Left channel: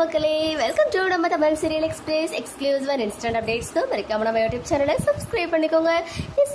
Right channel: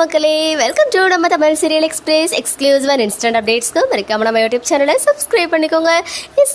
மக்களே welcome to நம்ம Tamil serial express exclusive and instant அப்டேட்ஸ்க்கு மறக்காம நம்ம யூடியூப் சேனலை சப்ஸ்கிரைப் பண்ணிக்கோங்க.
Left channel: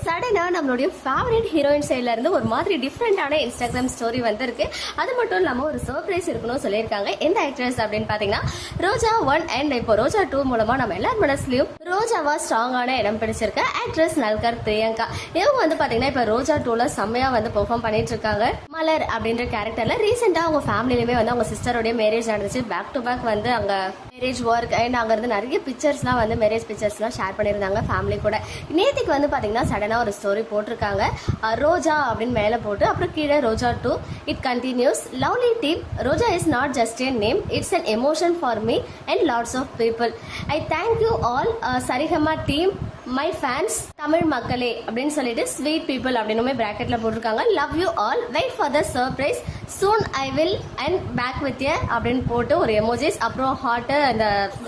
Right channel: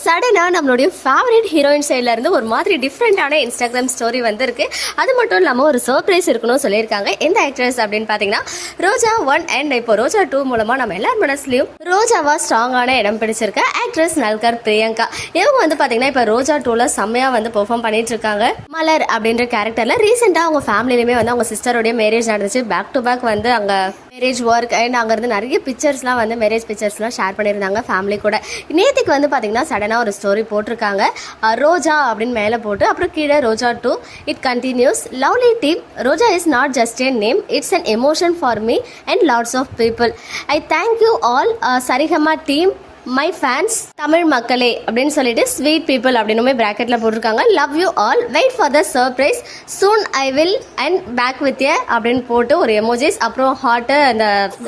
சடனாக நம்மளுடைய ஃபேவரட் ஹீரோயின் சைடில் இருந்து ஒரு மாதிரி டிஃப்ரெண்ட்டான இன்ஸ்டாகிராம் ஸ்டோரி வந்திருக்கு. அது மட்டும் இல்லாமல் ஒரு சர்ப்ரைஸ் இருக்கணும்னு சொல்லியிருக்காங்க. எந்த ஆக்ட்ரஸ் அப்படின்னு பார்த்தீங்கன்னா ரோஜா ஒன் அண்ட் இப்போ ரோஜா டூ மூலமாக நம்ம எல்லார் மனசுலையும் ரோஜாவா ஸ்ட்ராங்கான இடம் பிடிச்சிருக்க. ஆக்ட்ரஸ் நல்கர் பிரியங்கா. இவங்க வந்து பார்த்தீங்கன்னா இப்போ ரோஜா டூவில் செம்மையாக வந்து பெர்ஃபார்ம் பண்ணிட்டு இருக்காங்க. மலர் அப்படின்ற கேரக்டரில் ரீசெண்டாக அவங்க ஃபேமிலியிலுமே வந்து அவங்க சிஸ்டருடைய மேரேஜ் நடந்துச்சு. பேக் டு பேக் வந்து அங்கே மேரேஜ் ஒர்க் அண்ட் அங்கேருந்து நிறைய பிக்சர்ஸ்லாம் வந்து மேரேஜ் பிக்சர்ஸ்லாம் ஷேர் பண்ணியிருந்தாங்க ஃபேமிலி கூட. நேற்றுக்கு வந்து பார்த்தீங்கன்னா சடனாக ஒரு ஸ்டோரி போட்டிருக்காங்க. ரோஜா அப்படின்னு மேலே போட்டு அப்புறம் கீழே Roja two it continues lovely team Roja is not just an name it's an emotion for me and lots of people I thank you all Saregama team my fans Tamil மக்களே அப்படின்னு சொல்லிட்டு sweet people அப்படின்னுமே ப்ராக்கெட்டில் போட்டிருக்காங்க. Love you all wait for the surprise soon I will and back with a அப்படின்னு போட்டு ஒரு emojis அப்புறம் ஹார்ட்டு அந்த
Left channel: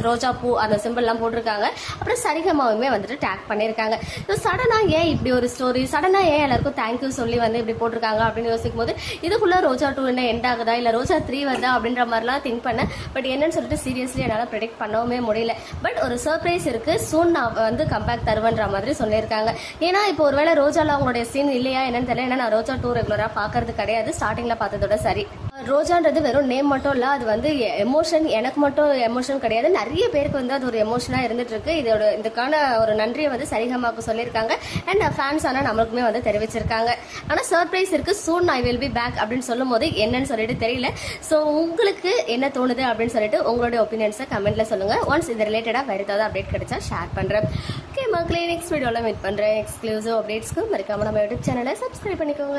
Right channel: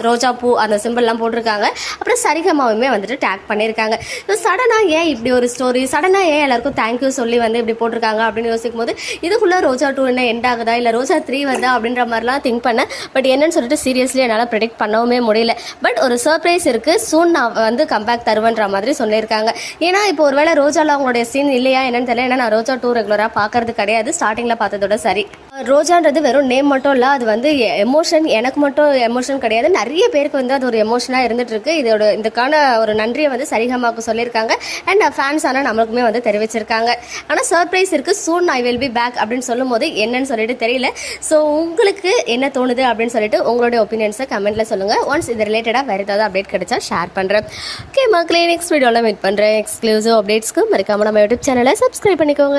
ரோஜா பூ அந்த சிம்பிள்லாம் போட்டிருக்காங்க. அப்புறம் சரிகமாவுமே வந்துட்டு டேக் பண்ணியிருக்காங்க. ஸோ சடனாக ஏன் இப்படி ஒரு ஸ்டோரி சடனாக ஏன் எல்லாருக்கும் தேங்க்யூ சொல்லி வந்து இப்படி போட்டிருக்காங்க அப்படின்னு யோசிக்கும் போது இதுக்குள்ளே ரோஜா டூ என்ன எண்ட் ஆகுதா? இல்லை ரோஜா த்ரீ வருதா? அப்படின்ற மாதிரிலாம் திங்க் பண்ணேன். பட் என்னன்னு சொல்லிட்டு சீரியஸ்லி என்னால் ப்ரெடிக்ட் பண்ணவுமே முடியல. பட் ஒரு சர்ப்ரைஸ் இருக்குது சூன் நான் வந்து கம்பேக் தருவேன்ற மாதிரி சொல்லியிருக்காங்க. ஏன்னா இப்போ ஒருவேளை ரோஜாவில் அவங்களுடைய சீன் இல்லையா என்னன்னு தெரியல. ஏன்னா நான் ரோஜா டூ ரெகுலராக பார்க்கறது கிடையாது. ஸ்டார்டிங்கில் பார்த்ததோட சரி. ரோஜான்றது வெறும் நேம் மட்டும் இல்லை அது வந்து எமோஷன் எனக்கு மட்டும் எமோஷன் கிடையாது. நிறைய பேருக்கு வந்து அது ஒரு எமோஷனாக இருந்துட்டு இருக்கு இதோட இதுக்கான ஒரு நன்றியை வந்து சரிகமாக்கு சொல்லியிருக்காங்க. அண்ட் ஃபேன்ஸ் ஆனால் நம்மளுக்குமே வந்து தெரிவிச்சிருக்காங்க. ஆனால் சர்ப்ரைஸ் இருக்கு. Soon I will be back அப்படின்னு சொல்லும் போது என்னன்னு சொல்லிட்டு தெரியல. ஸோ உங்களுக்கு என்ன தோணுது அப்படின்னு சொல்லிட்டு உங்களுடைய ஒப்பீனியன்ஸை கமெண்ட்ல சொல்லுங்க. ஒன்ஸ் இது ரிலேட்டடாக வேறு ஏதாவது அப்டேட் கிடைச்சா ஷேர் பண்ணுறேன் ஓகே மக்களே நெக்ஸ்ட் வீடியோவில் மீட் பண்ணுறேன் எக்ஸ்க்ளூசிவ் அப்டேட்ஸ்க்கு மறக்காம நம்ம யூடியூப் சேனலை சப்ஸ்கிரைப் பண்ணிக்கோங்க.